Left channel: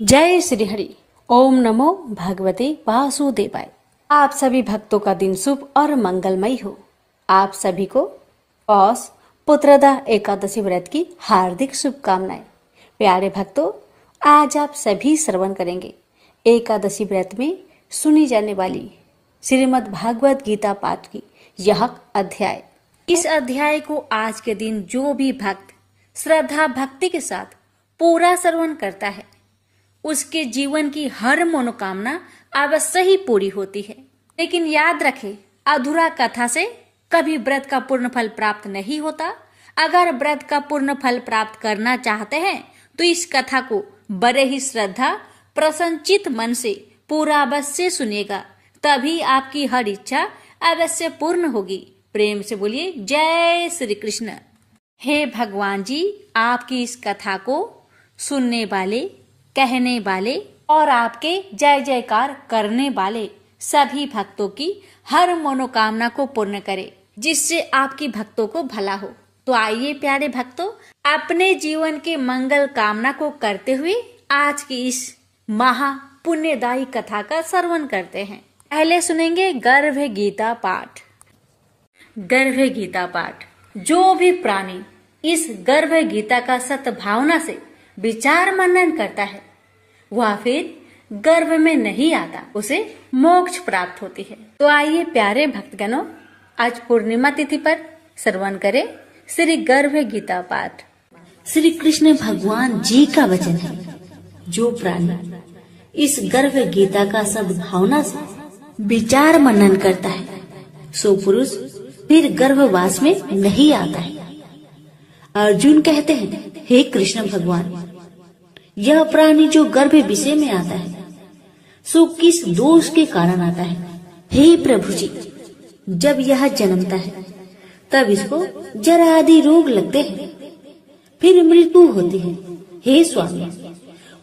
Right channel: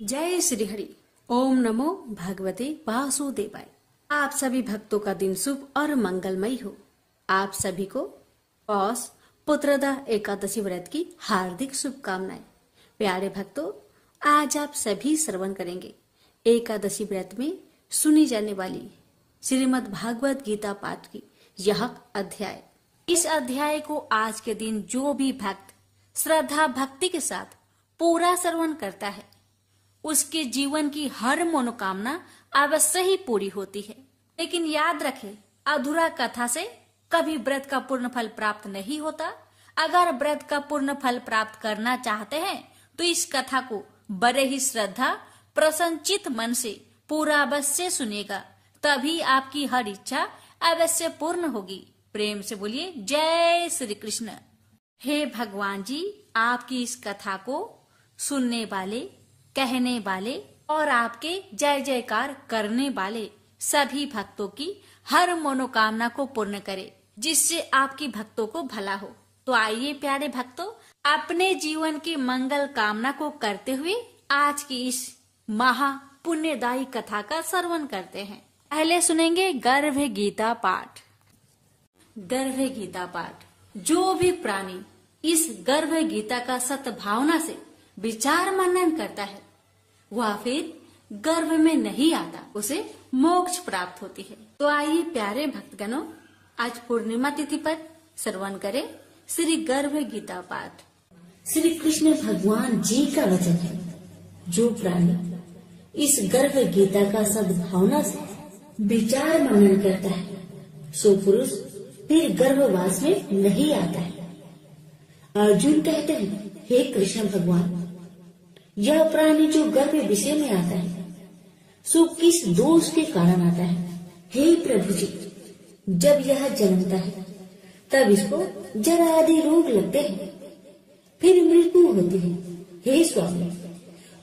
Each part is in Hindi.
जय श्री हरि। ओम नमो भगवते वासुदेवाय। आप सभी भक्तों का दिन शुभ और मंगलमय हो। आप सभी को पौष पुत्रदा एकादशी व्रत की हार्दिक शुभकामनाएं। प्यारे भक्तों, आज आप सभी श्रवण करेंगे एकादशी व्रत में सुनी जाने वाली श्रीमद् भागवत गीता पाठ की यह अध्याय। इस अध्याय को आज के दिन जो भी भक्त श्रद्धा भक्ति के साथ पूरा श्रवण करता है, उसके जीवन की हर मनोकामना अवश्य ही पूरी होती है। लेकिन याद रखें, अधूरा कथा से कभी व्रत का पूर्ण फल प्राप्त नहीं होता। अगर व्रत का पूर्ण फल प्राप्त करना चाहते हैं तो इस कथा को बड़े ही श्रद्धा प्रसन्नचित मन से पूरा अवश्य सुनेगा, तभी आपकी हर इच्छा अवश्य पूर्ण होगी। प्रेम से बोलिए जय श्री कृष्ण। हे भगवान जी, आपकी इस कथा को सुनने वाले, कहने वाले और आपके जय जयकार करने वाले सभी भक्तों की हर मनोकामना को पूर्ण करे, जिससे आपकी भक्तों को भला हो। तो आइए प्यारे भक्तों, अपने जीवन के मंगल कामना को करते हुए आज की इस महा पुण्यदायी कथा का श्रवण करते हैं। पहले सुनेंगे गर्भ गीता पाठ। गर्भ गीता पाठ। जो भी प्राणी इस गर्भ गीता का सद्भावना से विचार मनन करता है, वह फिर गर्भ में नहीं आता, उसे मोक्ष प्राप्त होती है। तो आइए प्यारे भक्तगणों, आज पूर्णिमा तिथि पर श्रवण करें श्री गर्भ गीता पाठ। श्री कृष्ण भगवान जी का वचन है, जो प्राणी इस गर्भ गीता का सद्भावना से विचार मनन करता है, सो पुरुष फिर गर्भवास में नहीं आता है। अर्जुन कहते हैं, हे कृष्ण भगवान, यह प्राणी जो गर्भ विषय में आता है, सो किस दोष के कारण आता है? हे प्रभु जी, जब यह जन्मता है तब इसको जरा आदि रोग लगते हैं, फिर मृत्यु होती है। हे स्वामी,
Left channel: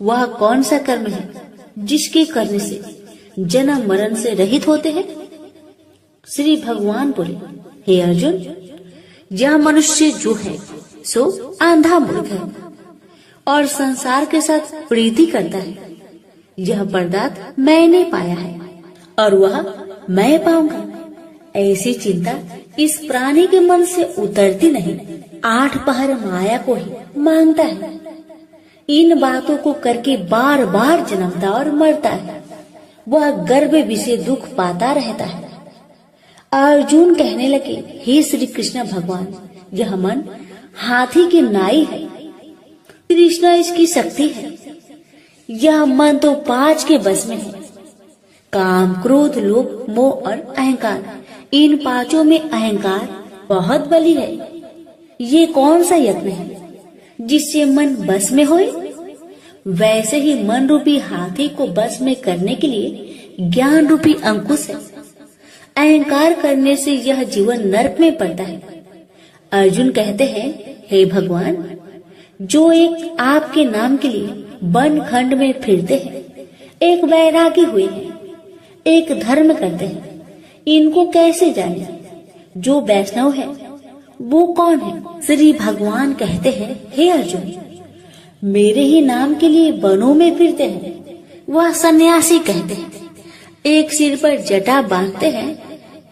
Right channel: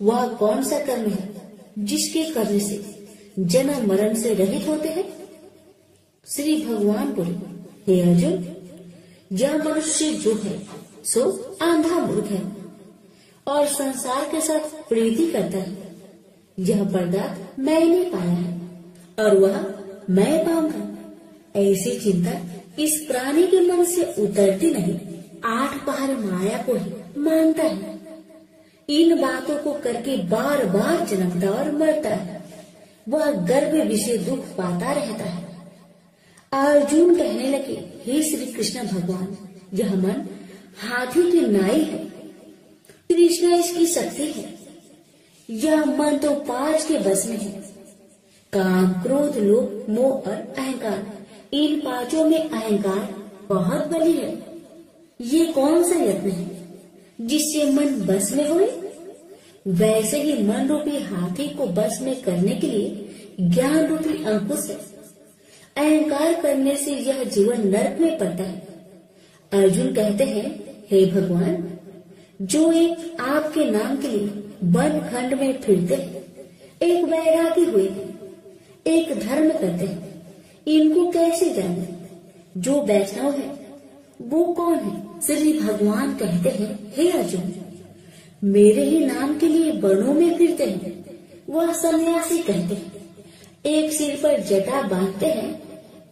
वह कौन सा कर्म है जिसके करने से जन्म मरण से रहित होते हैं? श्री भगवान बोले, हे अर्जुन, यह मनुष्य जो है सो आंधा मूर्ख है और संसार के साथ प्रीति करता है। यह पदार्थ मैंने पाया है और वह मैं पाऊंगा, ऐसी चिंता इस प्राणी के मन से उतरती नहीं। 8 पहर माया को ही मांगता है। इन बातों को करके बार बार जन्मता और मरता है। वह गर्भ विषय दुख पाता रहता है। अर्जुन कहने लगे, हे श्री कृष्ण भगवान, यह मन हाथी की नाई है, कृष्णा इसकी शक्ति है। यह मन तो 5 के बस में है, काम, क्रोध, लोभ, मोह और अहंकार। इन 5 में अहंकार बहुत बली है। ये कौन सा यत्न है जिससे मन बस में होए? वैसे ही मन रूपी हाथी को बस में करने के लिए ज्ञान रूपी अंकुश है। अहंकार करने से यह जीवन नरक में पड़ता है। अर्जुन कहते हैं, हे भगवान, जो एक आपके नाम के लिए वन खंड में फिरते हैं, एक वैरागी हुए हैं, एक धर्म करते हैं, इनको कैसे जाने? जो वैष्णव है वो कौन है? श्री भगवान कहते हैं, हे अर्जुन, मेरे ही नाम के लिए वनों में फिरते हैं, वह सन्यासी कहते हैं। एक सिर पर जटा बांधते हैं,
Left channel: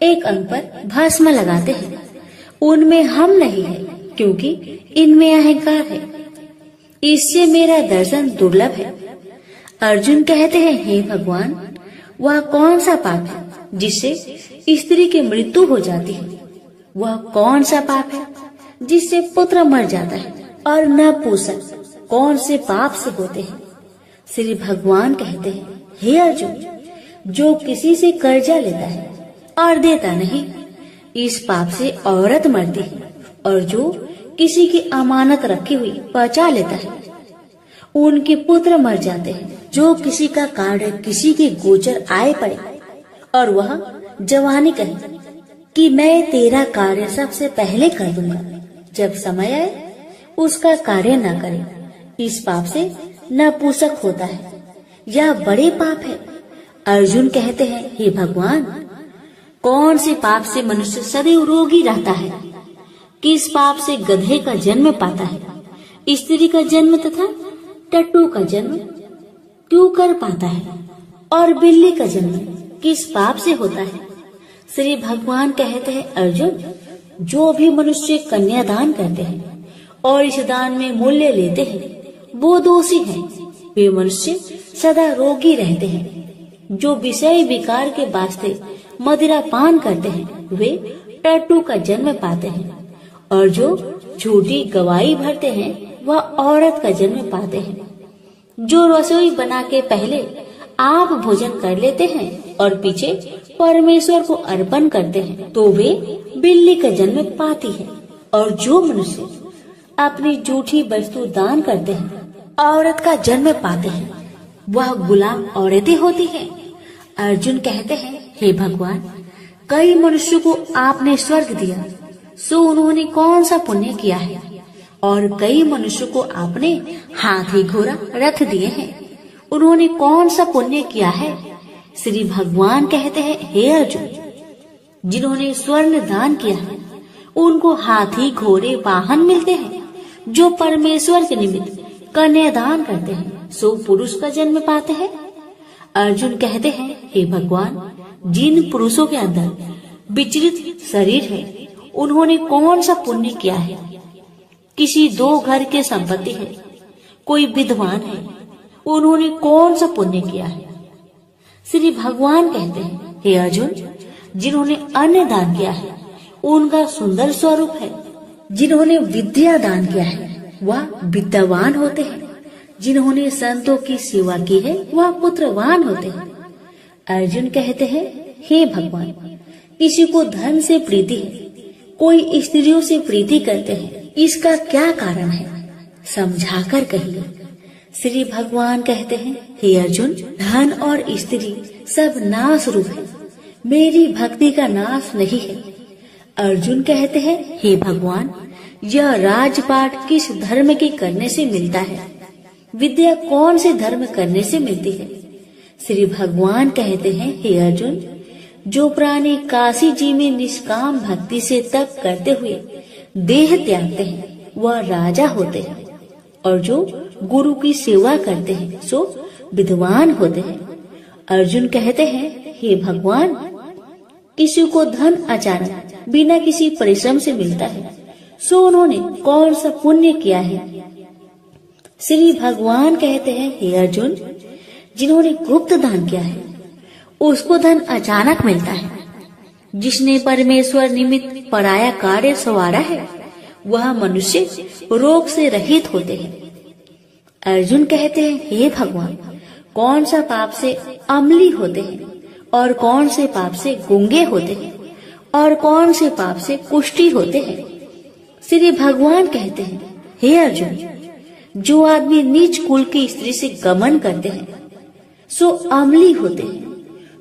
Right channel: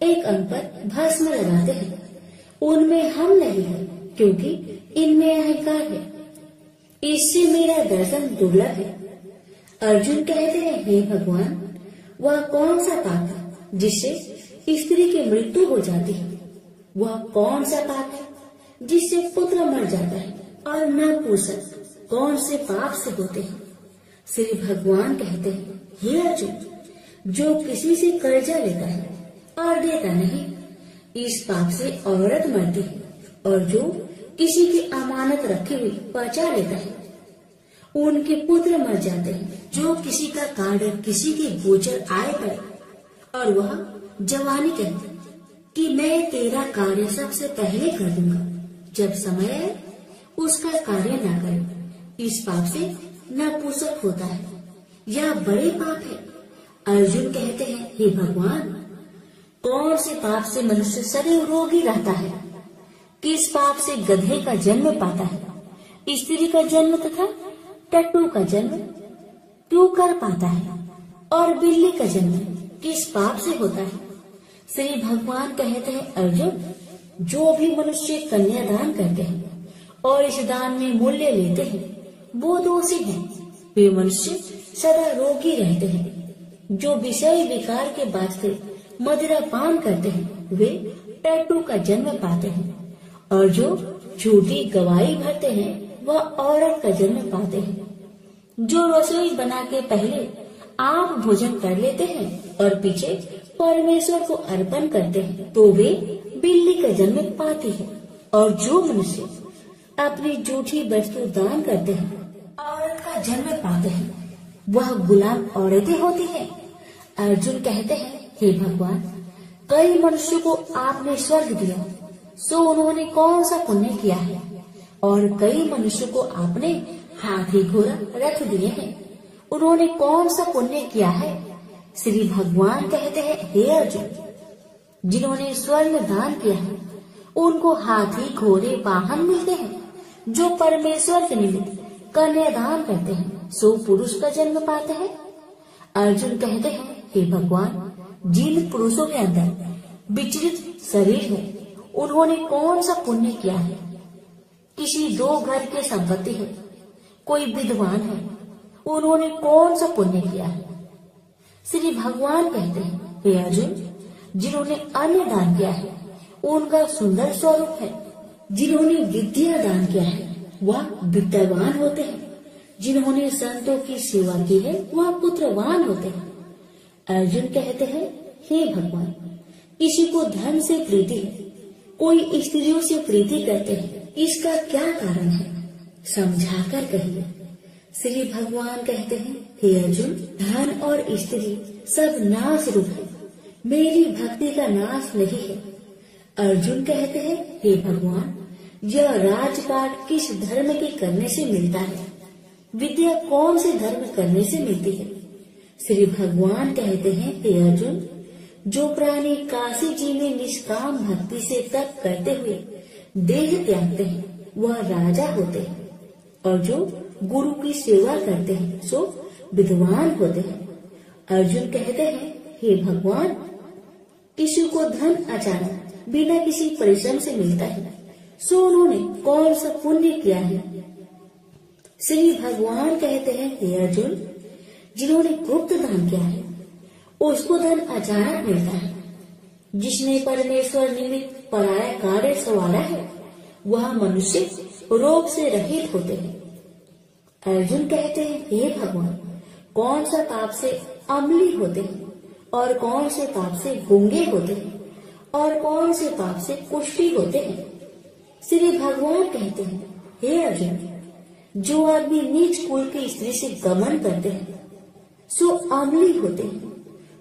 एक अंग पर भस्म लगाते हैं। उनमें हम नहीं है, क्योंकि इनमें अहंकार है। इससे मेरा दर्शन दुर्लभ है। अर्जुन कहते हैं, हे भगवान, वह कौन सा पाप है जिससे स्त्री की मृत्यु हो जाती है? वह कौन सा पाप है जिससे पुत्र मर जाता है? और नपुंसक कौन से पाप से होते हैं? श्री भगवान कहते हैं, हे अर्जुन, जो किसी से कर्जा लेता है और देता नहीं, इस पाप से औरत मरती है। और जो किसी की अमानत रखी हुई बचा लेता है, उनके पुत्र मर जाते हैं। जो किसी का कार्य किसी के गोचर आए पड़े और वह जवानी कहे कि मैं तेरा कार्य सबसे पहले कर दूंगा, जब समय आए उसका कार्य न करे, इस पाप से नपुंसक होता है। यह बड़े पाप है। अर्जुन कहते हैं, हे भगवान, कौन से पाप से मनुष्य सदैव रोगी रहता है? किस पाप से गधे का जन्म पाता है, स्त्री का जन्म तथा टट्टू का जन्म? क्यों कर पाता है और बिल्ली का जन्म किस पाप से होता है? श्री भगवान कहते हैं, अर्जुन, जो भी मनुष्य कन्यादान करते हैं और इस दान में मूल्य लेते हैं वो दोषी हैं। वे मनुष्य सदा रोगी रहते हैं। जो विषय विकार के वास्ते मदिरा पान करते हैं वे टट्टू का जन्म पाते हैं, और जो झूठी गवाही भरते हैं वह औरत का जन्म पाते हैं। जो रसोई बना के पहले आप भोजन कर लेते हैं और पीछे परमेश्वर को अर्पण करते हैं तो वे बिल्ली का जन्म पाती है। और जो मनुष्य अपनी झूठी वस्तु दान करते हैं औरत का जन्म पाते हैं, वह गुलाम औरतें होती हैं। अर्जुन कहते हैं, हे भगवान, कई मनुष्यों को आपने स्वर्ग दिया, सो उन्होंने कौन सा पुण्य किया है? और कई मनुष्यों को आपने हाथी घोड़ा रथ दिए हैं, उन्होंने कौन सा पुण्य किया है? श्री भगवान कहते हैं, हे अर्जुन, जिन्होंने स्वर्ण दान किया है उनको हाथी घोड़े वाहन मिलते हैं। जो परमेश्वर के निमित्त कन्यादान करते हैं सो पुरुष का जन्म पाते हैं। अर्जुन कहते हैं, हे भगवान, जिन पुरुषों के अंदर विचलित शरीर है उन्होंने कौन सा पुण्य किया है? किसी 2 घर के संपत्ति है, कोई विद्वान है, उन्होंने कौन सा पुण्य किया है? श्री भगवान कहते हैं, हे अर्जुन, जिन्होंने अन्न दान किया है उनका सुंदर स्वरूप है। जिन्होंने विद्या दान किया है वह विद्यावान होते हैं। जिन्होंने संतों की सेवा की है वह पुत्रवान होते हैं। अर्जुन कहते हैं, हे भगवान, किसी को धन से प्रीति है, कोई स्त्रियों से प्रीति करते हैं, इसका क्या कारण है? समझाकर कहिए। श्री भगवान कहते हैं, हे अर्जुन, धन और स्त्री सब नाश रूप है, मेरी भक्ति का नाश नहीं है। अर्जुन कहते हैं, हे भगवान, यह राजपाट किस धर्म के करने से मिलता है? विद्या कौन से धर्म करने से मिलती है? श्री भगवान कहते हैं, हे अर्जुन, जो प्राणी काशी जी में निष्काम भक्ति से तप करते हुए देह त्यागते हैं वह राजा होते हैं, और जो गुरु की सेवा करते हैं सो विद्वान होते हैं। अर्जुन कहते हैं, हे भगवान, किसी को धन अचानक बिना किसी परिश्रम से मिलता है, सो उन्होंने कौन सा पुण्य किया है? श्री भगवान कहते हैं, हे अर्जुन, जिन्होंने गुप्त दान किया है उसको धन अचानक मिलता है। जिसने परमेश्वर निमित्त पराया कार्य संवारा है वह मनुष्य रोग से रहित होते हैं। अर्जुन कहते हैं, हे भगवान, कौन सा पाप से अम्ली होते हैं और कौन से पाप से गूंगे होते हैं और कौन से पाप से कुष्ठी होते हैं? श्री भगवान कहते हैं, हे अर्जुन, जो आदमी नीच कुल की स्त्री से गमन करते हैं सो अम्ली होते हैं।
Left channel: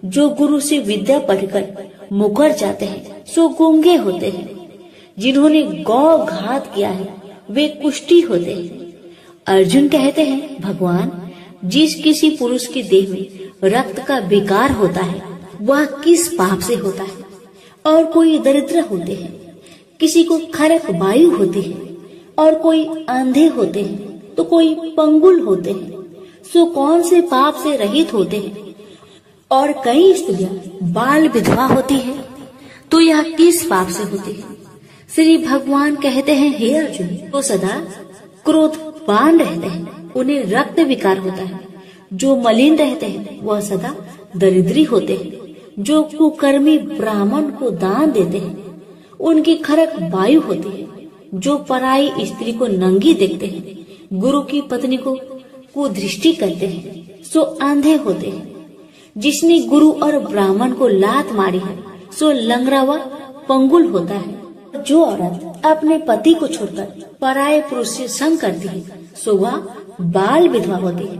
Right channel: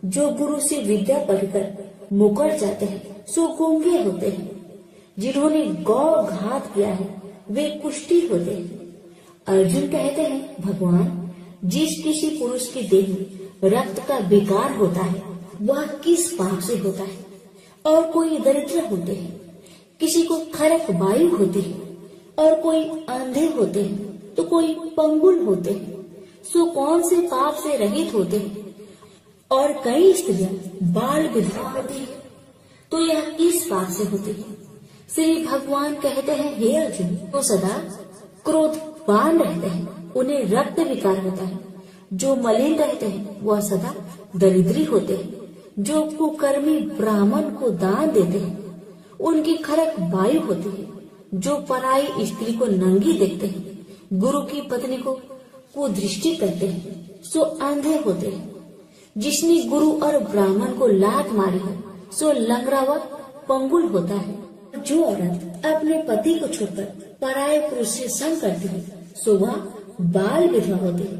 जो गुरु से विद्या पढ़कर मुकर जाते हैं सो गूंगे होते हैं। जिन्होंने गौ घात किया है वे कुष्ठी होते हैं। अर्जुन कहते हैं, भगवान, जिस किसी पुरुष के देह में रक्त का विकार होता है वह किस पाप से होता है? और कोई दरिद्र होते हैं, किसी को खरक वायु होती है, और कोई अंधे होते हैं तो कोई पंगुल होते हैं, सो कौन से पाप से रहित होते हैं? और कई स्त्रियां बाल विधवा होती है तो यह किस पाप से होती है? श्री भगवान कहते हैं, हे अर्जुन, तो सदा क्रोधवान रहते हैं उन्हें रक्त विकार होता है। जो मलिन रहते हैं वह सदा दरिद्री होते हैं। जो कुकर्मी ब्राह्मण को दान देते हैं उनकी खरक वायु होती है। जो पराई स्त्री को नंगी देखते हैं, गुरु की पत्नी को कुदृष्टि करते हैं सो अंधे होते हैं। जिसने गुरु और ब्राह्मण को लात मारी है सो लंगड़ा व पंगुल होता है। जो औरत अपने पति को छोड़कर पराये पुरुष से संग करती है सो वह बाल विधवा होती है।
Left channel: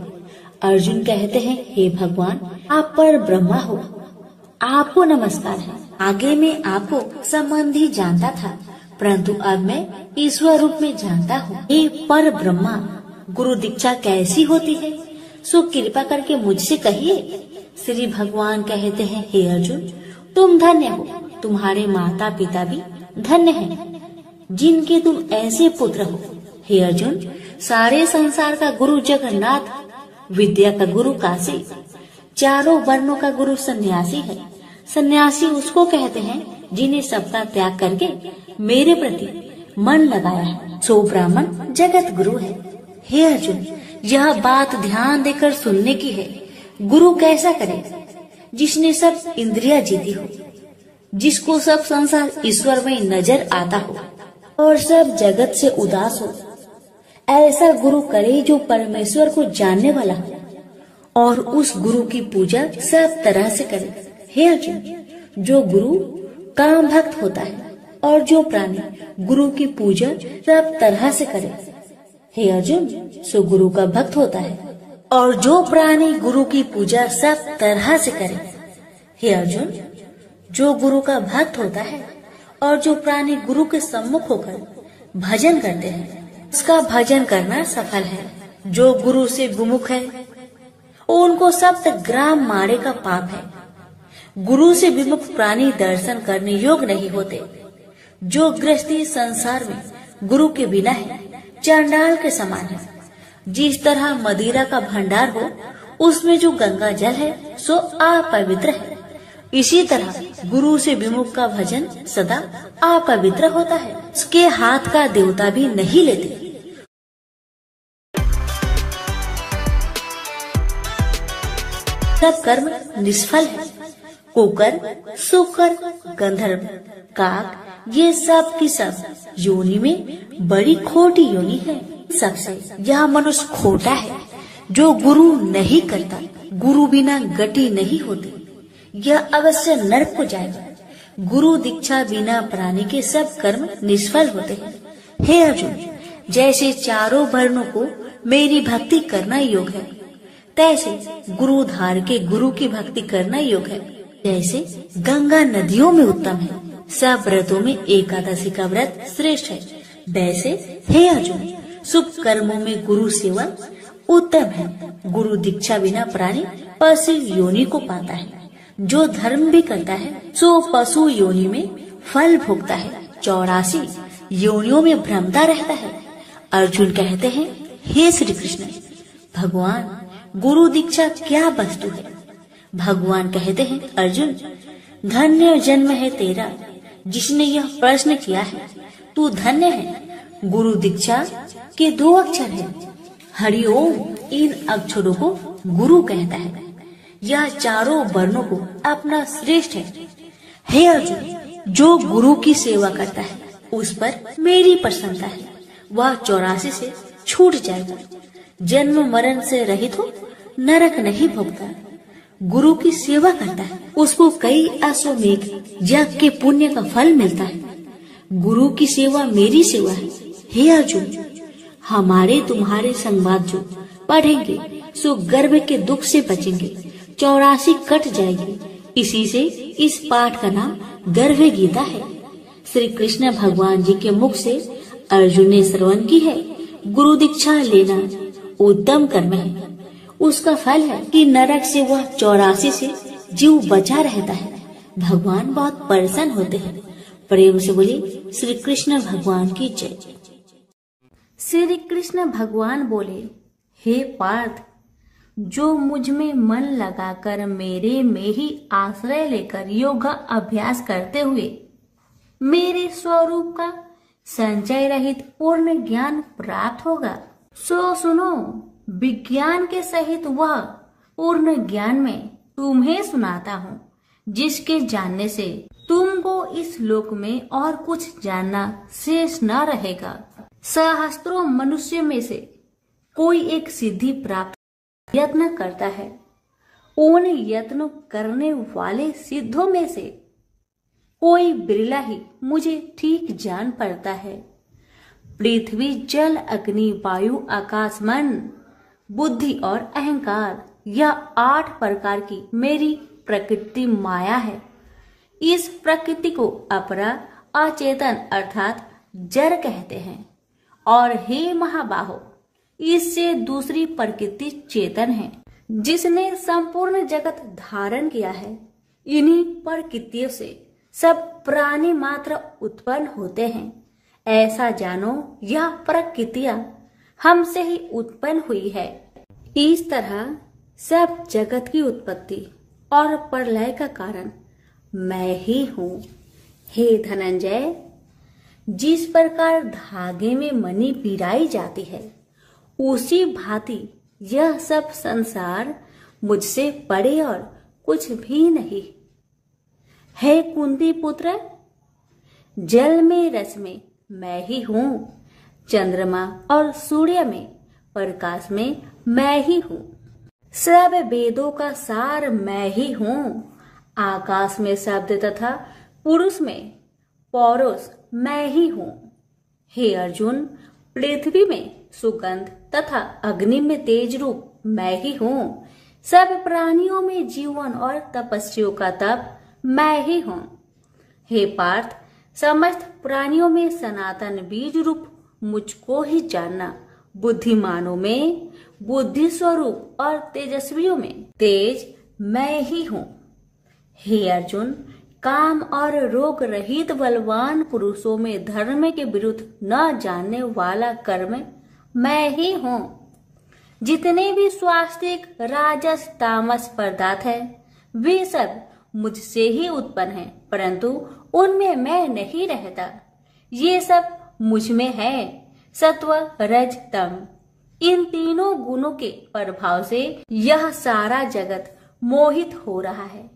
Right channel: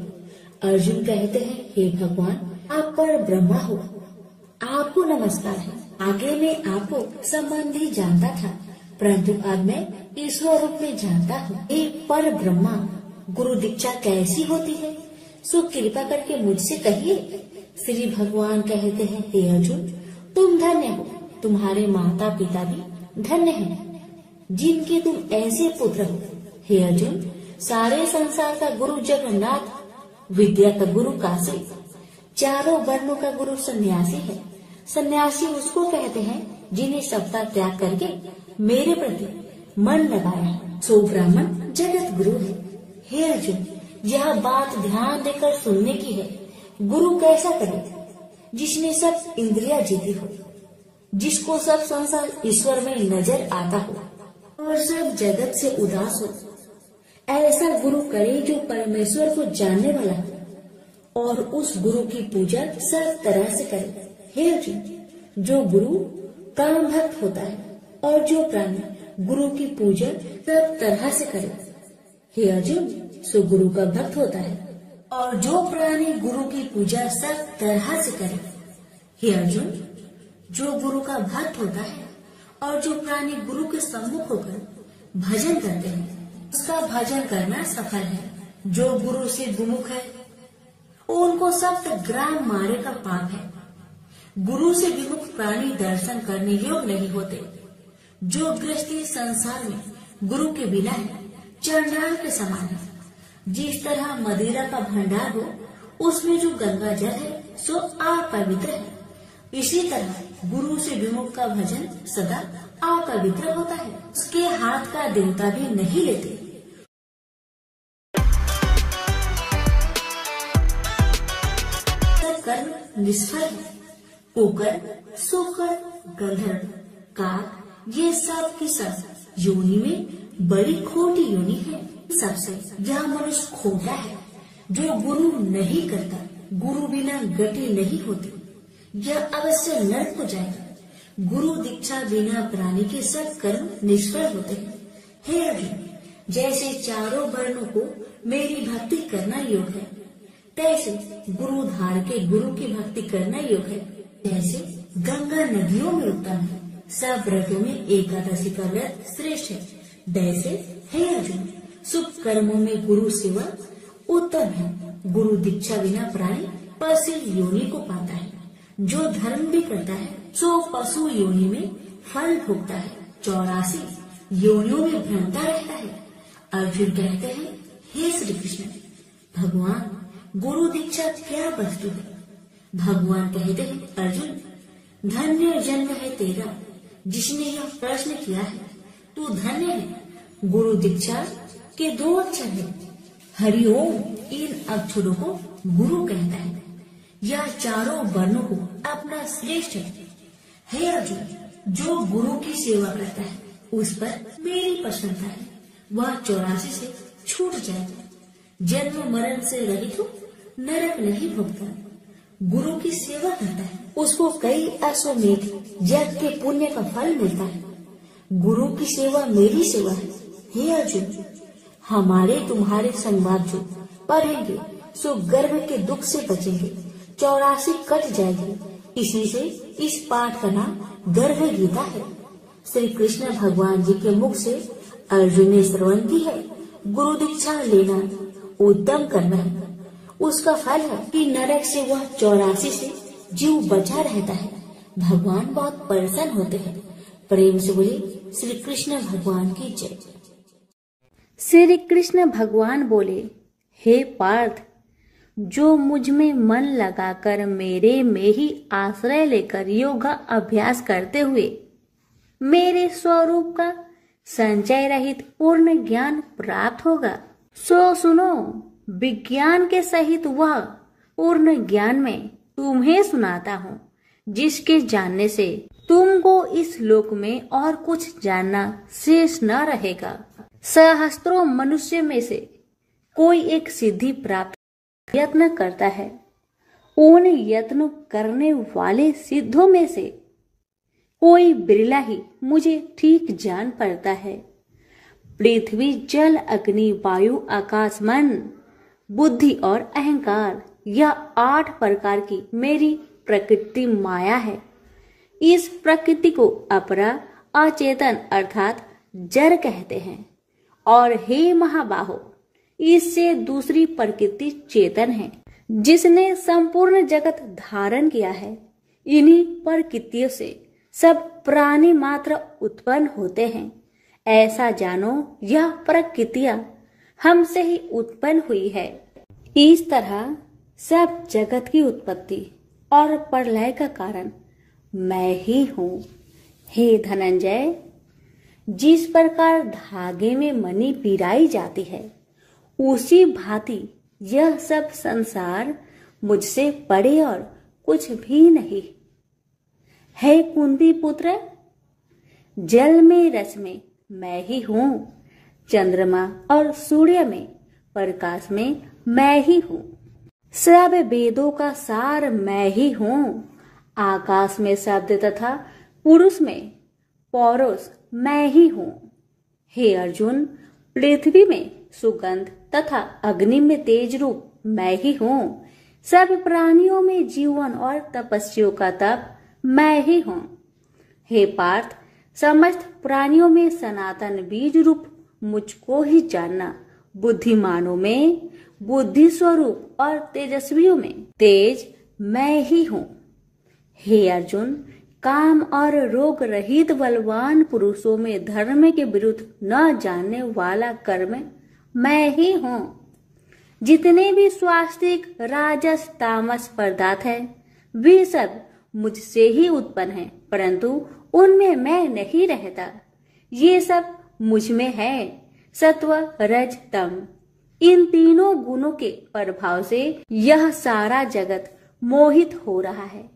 अर्जुन कहते हैं, हे भगवान, आप पर ब्रह्मा हो, आपको नमस्कार है। आगे मैं आपको संबंधी जानता था, परंतु अब मैं ईश्वर रूप में जानता हूँ। हे पर ब्रह्मा, गुरु दीक्षा कैसी होती है सो कृपा करके मुझसे कहिए। श्री भगवान कहते हैं, हे अर्जुन, तुम धन्य हो, तुम्हारे माता पिता भी धन्य हैं, जिनके तुम ऐसे पुत्र हो। हे अर्जुन, सारे संसार का गुरु जगन्नाथ विद्या का गुरु काशी, चारों वर्णों का गुरु सन्यासी है। सन्यासी उसको कहते हैं जिन्हें सबका त्याग करके मेरे प्रति मन लगाया है, सो ब्राह्मण जगत गुरु है। हे अर्जुन, यह बात ध्यान देकर सुनने की है। गुरु कैसा करे? जिसने सब इंद्रिया जीती हो, जिसको सब संसार ईश्वर में नजर आता हो और सब जगत से उदास हो। ऐसा गुरु करे जो परमेश्वर को जानने वाला हो और उस गुरु की पूजा सब तरह से करे। हे अर्जुन, जो गुरु काम भक्त होता है और जो प्राणी गुरु की पूजा सब तरह से करे। हे अर्जुन, सो गुरु का भक्त होता है और जो प्राणी गुरु की पूजा सब तरह से करे। हे अर्जुन, जो गुरु का भक्त होता है और जो प्राणी गुरु के सम्मुख होकर भजन करते हैं, उसका भजन करना सफल है। जो गुरु से विमुख है, उनको सप्तग्राम मारे का पाप है। गुरु से विमुख प्राणी दर्शन करने योग्य नहीं होते। जो गृहस्थी संसार में गुरु के बिना है, चांडाल के समान है। जिस तरह मदिरा का भंडार हो, उसमें जो गंगा जल है सो अपवित्र है, इसी तरह गुरु से विमुख का भजन सदा अपवित्र होता है। उसके हाथ का देवता भी नहीं लेते। सब कर्म निष्फल है। कुकर, सुकर, गंधर्व, काक, ये सब की सब योनि में बड़ी खोटी योनि है। सबसे यह मनुष्य खोटा है जो गुरु नहीं करता। गुरु बिना गति नहीं होती, यह अवश्य नरक को जाएगा। गुरु दीक्षा बिना प्राणी के सब कर्म निष्फल होते हैं। हे अर्जुन, जैसे चारों वर्णों को मेरी भक्ति करना योग है, तैसे गुरु धार के गुरु की भक्ति करना योग है। जैसे गंगा नदियों में उत्तम है, सब व्रतों में एकादशी का व्रत श्रेष्ठ है, वैसे हे अर्जुन, शुभ कर्मों में गुरु सेवा उत्तम है। गुरु दीक्षा बिना प्राणी पशु योनि को पाता है। जो धर्म भी करता है सो पशु योनि में फल भोगता है, 84 योनियों में भ्रमता रहता है। अर्जुन कहते हैं, हे श्री कृष्ण, भगवान गुरु दीक्षा क्या वस्तु है? भगवान कहते हैं, अर्जुन, धन्य जन्म है तेरा जिसने यह प्रश्न किया है। तू धन्य है। गुरु दीक्षा के 2 अक्षर हैं, हरिओम। इन अक्षरों को गुरु कहता है। यह चारों वर्णों को अपना श्रेष्ठ है। हे अर्जुन, जो गुरु की सेवा करता है उस पर मेरी प्रसन्नता है। वह 84 से छूट जाएगा, जन्म मरण से रहित हो, नरक नहीं भोगता। गुरु की सेवा करता है, उसको कई अश्वमेध यज्ञ के पुण्य का फल मिलता है। गुरु की सेवा मेरी सेवा है। हे अर्जुन, हमारे तुम्हारे संवाद जो पढ़ेंगे सो गर्भ के दुख से बचेंगे, 84 कट जाएगी। इसी से इस पाठ का नाम गर्भ गीता है। श्री कृष्ण भगवान जी के मुख से अर्जुन ने श्रवण की है। गुरु दीक्षा लेना उत्तम कर्म है। उसका फल है कि नरक से वह 84 से जीव बचा रहता है। भगवान बहुत प्रसन्न होते हैं। प्रेम से बोले श्री कृष्ण भगवान की जय। श्री कृष्ण भगवान बोले, हे पार्थ, जो मुझ में मन लगाकर मेरे में ही आश्रय लेकर योग अभ्यास करते हुए मेरे स्वरूप का संचय रहित पूर्ण ज्ञान प्राप्त होगा, सो सुनो, विज्ञान के सहित वह पूर्ण ज्ञान में तुम्हें सुनाता हूँ, जिसके जानने से तुमको इस लोक में और कुछ जानना शेष न रहेगा। सहस्त्रों मनुष्य में से कोई एक सिद्धि प्राप्त यत्न करता है। उन यत्न करने वाले सिद्धों में से कोई बिरला ही मुझे ठीक जान पड़ता है। पृथ्वी, जल, अग्नि, वायु, आकाश, मन, बुद्धि और अहंकार, यह 8 प्रकार की मेरी प्रकृति माया है। इस प्रकृति को अपरा, अचेतन अर्थात जड़ कहते हैं। और हे महाबाहो, इससे दूसरी प्रकृति चेतन है, जिसने संपूर्ण जगत धारण किया है। इन्हीं प्रकृतियों से सब प्राणी मात्र उत्पन्न होते हैं। ऐसा जानो, यह प्रकृतियां हमसे ही उत्पन्न हुई है। इस तरह सब जगत की उत्पत्ति और प्रलय का कारण मैं ही हूँ। हे धनंजय, जिस प्रकार धागे में मणि पिराई जाती है, उसी भांति यह सब संसार मुझसे परे और कुछ भी नहीं। हे कुंती पुत्र, जल में रस में मैं ही हूँ, चंद्रमा और सूर्य में प्रकाश में मैं ही हूँ, सब वेदों का सार मैं ही हूँ, आकाश में शब्द तथा पुरुष में पौरुष मैं ही हूँ। हे अर्जुन, पृथ्वी में सुगंध तथा अग्नि में तेज रूप मैं ही हूँ, सब प्राणियों में जीवन और तपस्वियों का तप मैं ही हूँ। हे पार्थ, समस्त प्राणियों में सनातन बीज रूप मुझको ही जानना, बुद्धिमानों में बुद्धि स्वरूप और तेजस्वियों में तेज मैं ही हूँ। हे अर्जुन, काम और रोग रहित बलवान पुरुषों में धर्म के विरुद्ध न जानने वाला कर्म मैं ही हूँ। जितने भी स्वास्तिक राजस तामस पदार्थ है, वे सब मुझसे ही उत्पन्न हैं, परंतु उनमें मैं नहीं रहता। ये सब मुझ में है। सत्व रज तम, इन तीनों गुणों के प्रभाव से यह सारा जगत मोहित हो रहा है।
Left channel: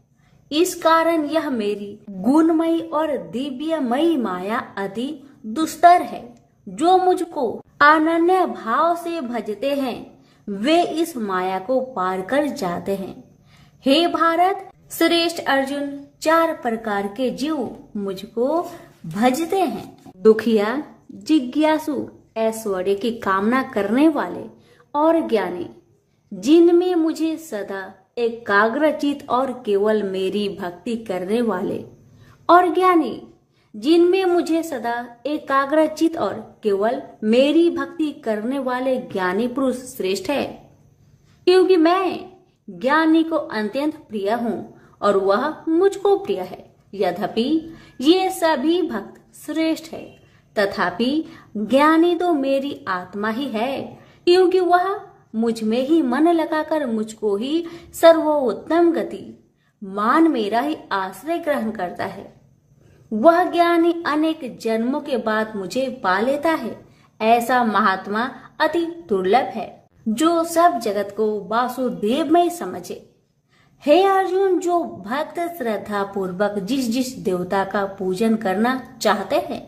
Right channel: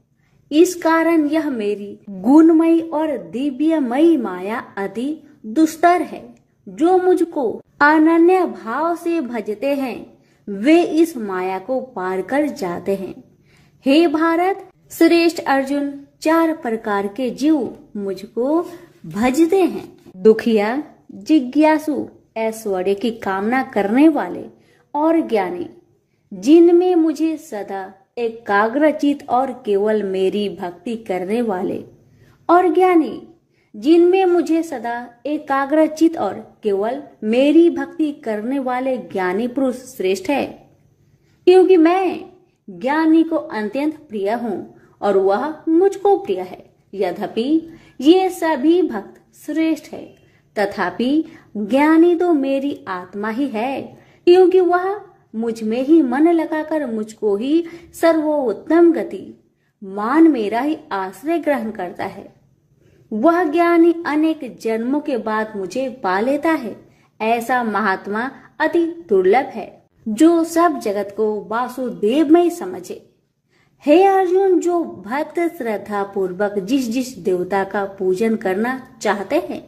इस कारण यह मेरी गुणमयी और दिव्यमयी माया अति दुस्तर है। जो मुझको अनन्य भाव से भजते हैं, वे इस माया को पार कर जाते हैं। हे भारत श्रेष्ठ अर्जुन, 4 प्रकार के जीव मुझको भजते हैं। दुखिया, जिज्ञासु, ऐश्वर्य की कामना करने वाले और ज्ञानी, जिनमें मुझे सदा एकाग्रचित और केवल मेरी भक्ति करने वाले, और ज्ञानी, जिनमें मुझे सदा एकाग्रचित और केवल मेरी भक्ति करने वाले ज्ञानी पुरुष श्रेष्ठ है। क्योंकि मैं ज्ञानी को अत्यंत प्रिय हूँ और वह मुझको प्रिय है। यद्यपि ये सभी भक्त श्रेष्ठ है, तथापि ज्ञानी तो मेरी आत्मा ही है, क्योंकि वह मुझ में ही मन लगाकर मुझको ही सर्वोत्तम गति मान मेरा ही आश्रय ग्रहण करता है। वह ज्ञानी अनेक जन्मों के बाद मुझे पा लेता है। ऐसा महात्मा अति दुर्लभ है, जो सब जगत को वासुदेव में समझे। हे अर्जुन, जो भक्त श्रद्धा पूर्वक जिस जिस देवता का पूजन करना चाहते हैं,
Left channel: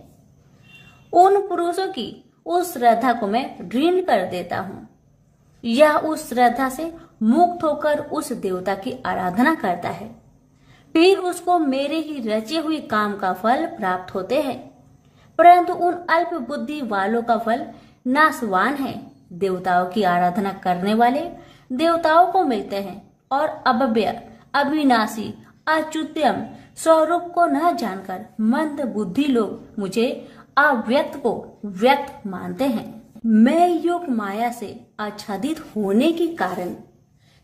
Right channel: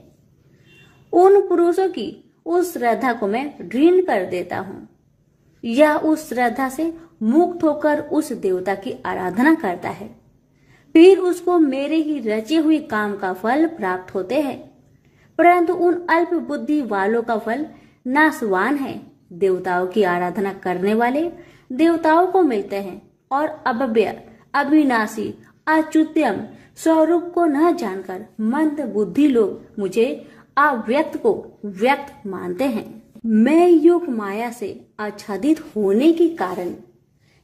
उन पुरुषों की उस श्रद्धा को मैं ऋण कर देता हूँ। यह उस श्रद्धा से मुक्त होकर उस देवता की आराधना करता है, फिर उसको मेरे ही रचे हुए काम का फल प्राप्त होते हैं। परंतु उन अल्प बुद्धि वालों का फल नाशवान है। देवताओं की आराधना करने वाले देवताओं को मिलते हैं, और अव्यय, अविनाशी, अच्युतम स्वरूप को न जानकर मंद बुद्धि लोग मुझे अव्यक्त को व्यक्त मानते हैं। मैं योग माया से आच्छादित होने के कारण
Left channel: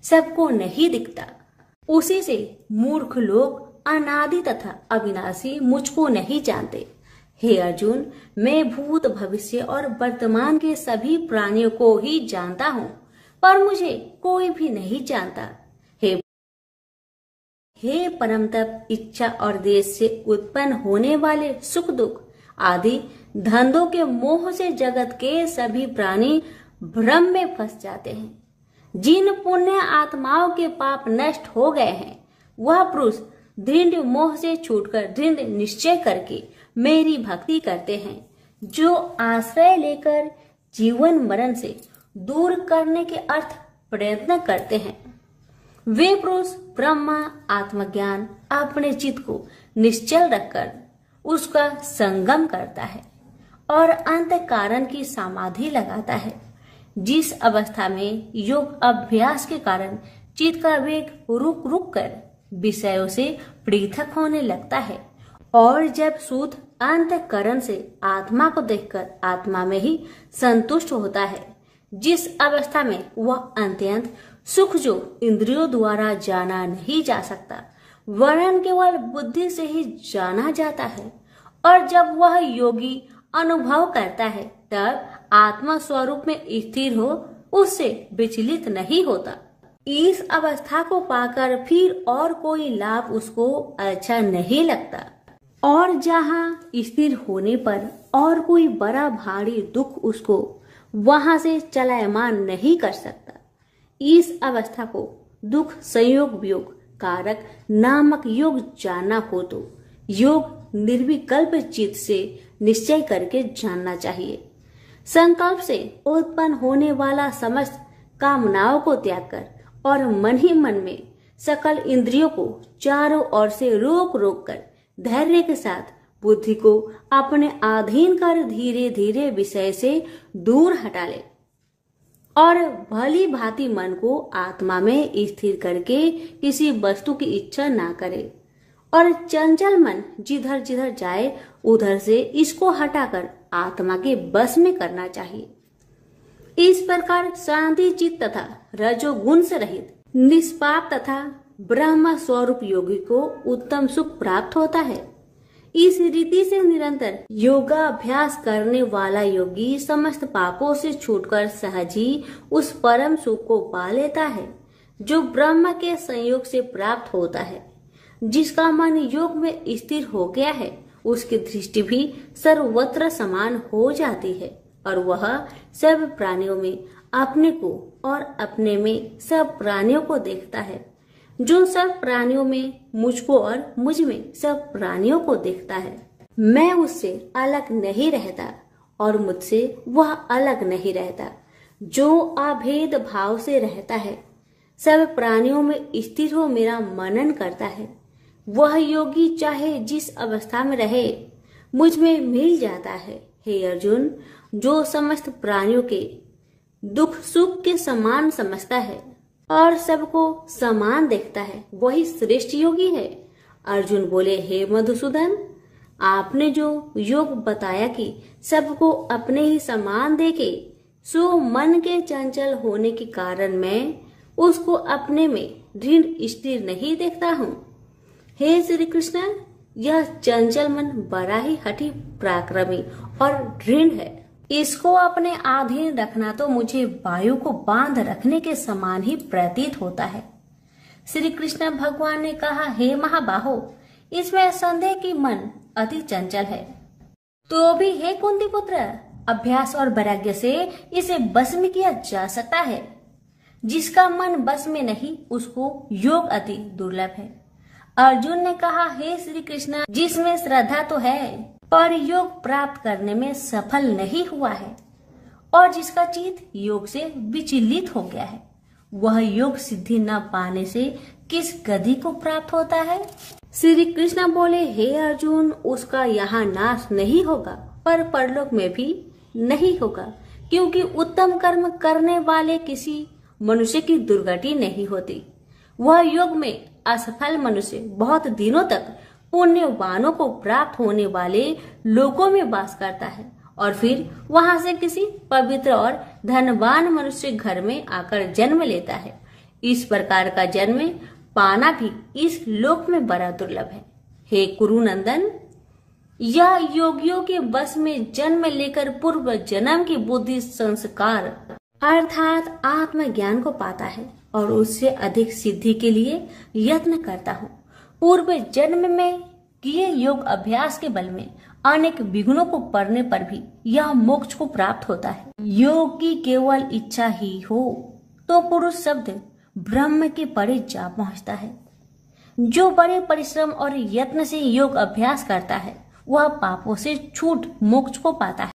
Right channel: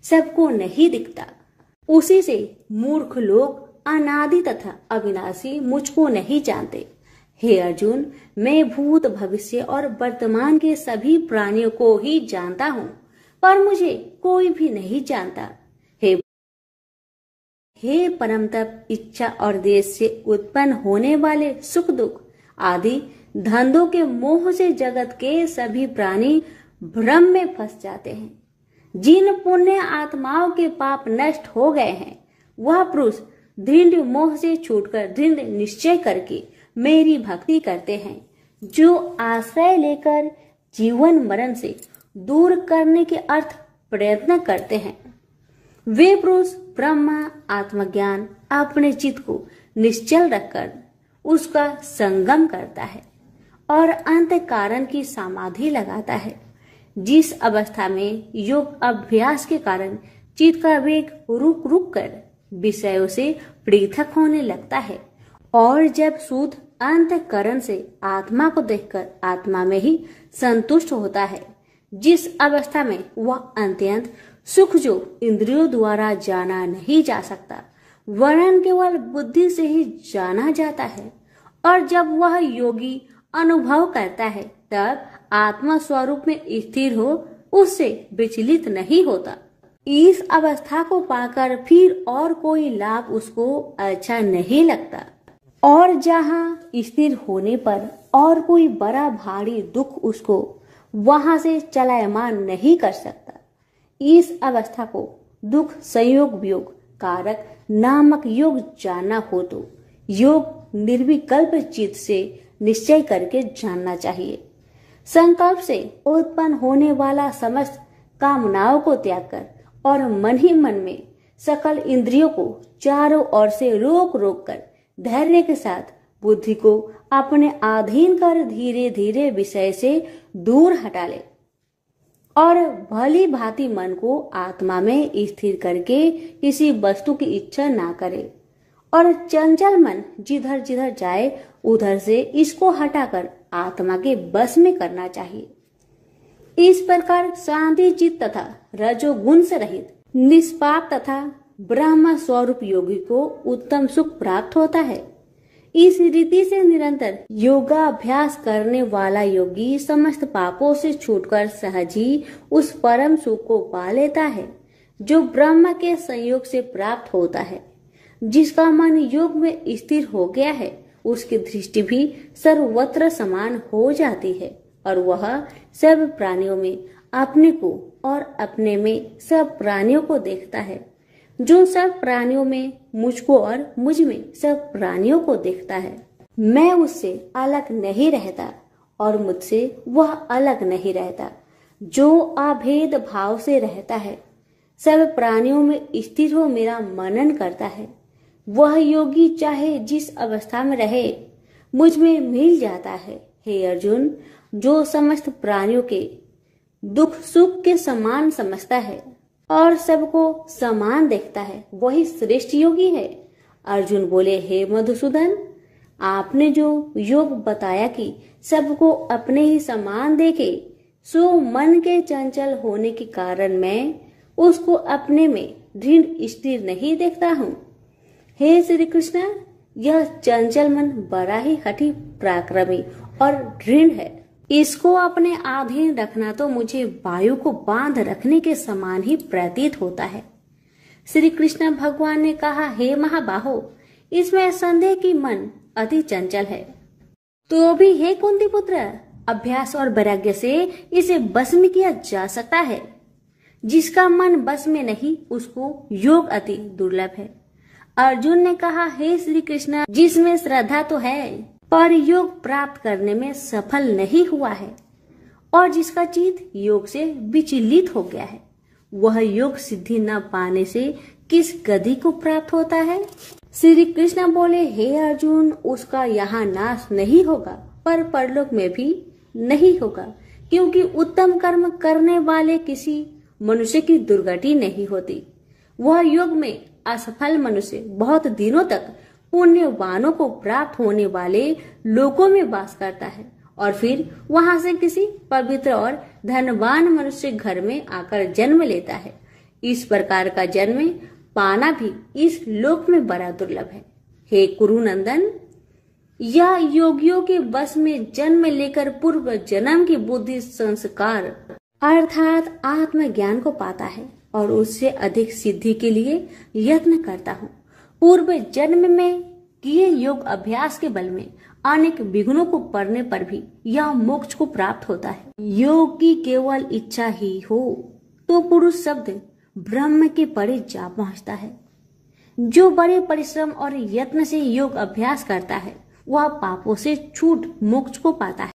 सबको नहीं दिखता। उसी से मूर्ख लोग अनादि तथा अविनाशी मुझको नहीं जानते। हे अर्जुन, मैं भूत भविष्य और वर्तमान के सभी प्राणियों को ही जानता हूँ, पर मुझे कोई भी नहीं जानता। हे परम तप, इच्छा और देश से उत्पन्न होने वाले सुख दुख आदि धंधों के मोह से जगत के सभी प्राणी भ्रम में फंस जाते हैं। जिन पुण्य आत्माओं के पाप नष्ट हो गए हैं, वह पुरुष दृढ़ मोह से छूटकर दृढ़ निश्चय करके मेरी भक्ति करते हैं, जो आश्रय लेकर जीवन मरण से दूर करने के अर्थ प्रयत्न करते हैं। वे पुरुष ब्रह्मा आत्मज्ञान अपने चित्त को निश्चल रखकर उसका संगम करता है और अंत कारण की समाधि लगाता है, जिस अवस्था में योग अभ्यास के कारण चित्त का वेग रुक रुक कर विषयों से पृथक होने लगता है, और जब शुद्ध अंतःकरण से आत्मा को देखकर आत्मा में ही संतुष्ट होता है, जिस अवस्था में वह अत्यंत सुख जो इंद्रियों द्वारा जाना नहीं जा सकता, वरन केवल बुद्धि से ही जाना जाता है। और जब वह योगी अनुभव करता है, तब आत्मा स्वरूप में स्थिर हो उससे विचलित नहीं होता। इस अवस्था को पाकर फिर और कोई लाभ उसको अच्छा नहीं लगता और जहाँ स्थिर होने पर और कोई बड़ा भारी दुख उसको वहां से चलायमान नहीं कर सकता। इस अवस्था को दुख संयोग वियोग कारक नामक योग जानना हो तो योग निर्विकल्प चित्त से निश्चय करके जानना चाहिए। संकल्प से उत्पन्न होने वाला समस्त कामनाओं को त्याग कर और मन ही मन में सकल इंद्रियों को चारों ओर से रोक रोक कर धैर्य के साथ बुद्धि को अपने अधीन कर धीरे धीरे विषय से दूर हटा ले और भली भांति मन को आत्मा में स्थिर करके किसी वस्तु की इच्छा ना करे और चंचल मन जिधर जिधर जाए उधर से इसको हटाकर आत्मा के बस में करना चाहिए। इस प्रकार शांति चित्त तथा रजोगुण से रहित निष्पाप तथा ब्रह्म स्वरूप योगी को उत्तम सुख प्राप्त होता है। इस रीति से निरंतर योगाभ्यास करने वाला योगी समस्त पापों से छूटकर सहज ही उस परम सुख को पा लेता है जो ब्रह्म के संयोग से प्राप्त होता है। जिसका मन योग में स्थिर हो गया है उसकी दृष्टि भी सर्वत्र समान हो जाती है और वह सब प्राणियों में अपने को और अपने में सब प्राणियों को देखता है। जो सब प्राणियों में मुझको और मुझ में सब प्राणियों को देखता है। मैं उससे अलग नहीं रहता और मुझसे वह अलग नहीं रहता। जो अभेद भाव से रहता है सब प्राणियों में स्थिर हो मेरा मनन करता है वह योगी चाहे जिस अवस्था में रहे मुझ में मिल जाता है। हे अर्जुन, जो समस्त प्राणियों के दुख सुख के समान समझता है और सबको समान देखता है वही श्रेष्ठ योगी है। अर्जुन बोले, हे मधुसूदन, आपने जो योग बताया कि सबको अपने ही समान देखे सो मन के चंचल होने के कारण मैं उसको अपने में दृढ़ स्थिर नहीं देखता हूँ। हे श्री कृष्ण, यह चंचल मन बड़ा ही हठी पराक्रमी और दृढ़ है। इसको अपने अधीन रखना तो मुझे वायु को बांध रखने के समान ही प्रतीत होता है। श्री कृष्ण भगवान ने कहा, हे महाबाहो, इसमें संदेह कि मन अति चंचल है तो भी हे कुंती पुत्र, अभ्यास और वैराग्य से इसे बस में किया जा सकता है। जिसका मन बस में नहीं उसको योग अति दुर्लभ है। अर्जुन ने कहा, हे श्री कृष्ण, जिसमें श्रद्धा तो है पर योग प्राप्त करने में सफल नहीं हुआ है और जिसका चित्त योग से विचलित हो गया है वह योग सिद्धि न पाने से किस गति को प्राप्त होता है। श्री कृष्ण बोले, हे अर्जुन, उसका यहाँ नाश नहीं होगा पर परलोक में भी नहीं होगा क्योंकि उत्तम कर्म करने वाले किसी मनुष्य की दुर्गति नहीं होती। वह योग में असफल मनुष्य बहुत दिनों तक पुण्यवानों को प्राप्त होने वाले लोकों में वास करता है और फिर वहां से किसी पवित्र और धनवान मनुष्य घर में आकर जन्म लेता है। इस प्रकार का जन्म पाना भी इस लोक में बड़ा दुर्लभ है। हे कुरुनंदन, यह योगियों के बस में जन्म लेकर पूर्व जन्म की बुद्धि संस्कार अर्थात आत्मज्ञान को पाता है और उससे अधिक सिद्धि के लिए यत्न करता हूँ। पूर्व जन्म में किए योग अभ्यास के बल में अनेक विघ्नों को पड़ने पर भी यह मोक्ष को प्राप्त होता है। योग की केवल इच्छा ही हो तो पुरुष शब्द ब्रह्म के परे जा पहुँचता है। जो बड़े परिश्रम और यत्न से योग अभ्यास करता है वह पापों से छूट मोक्ष को पाता है।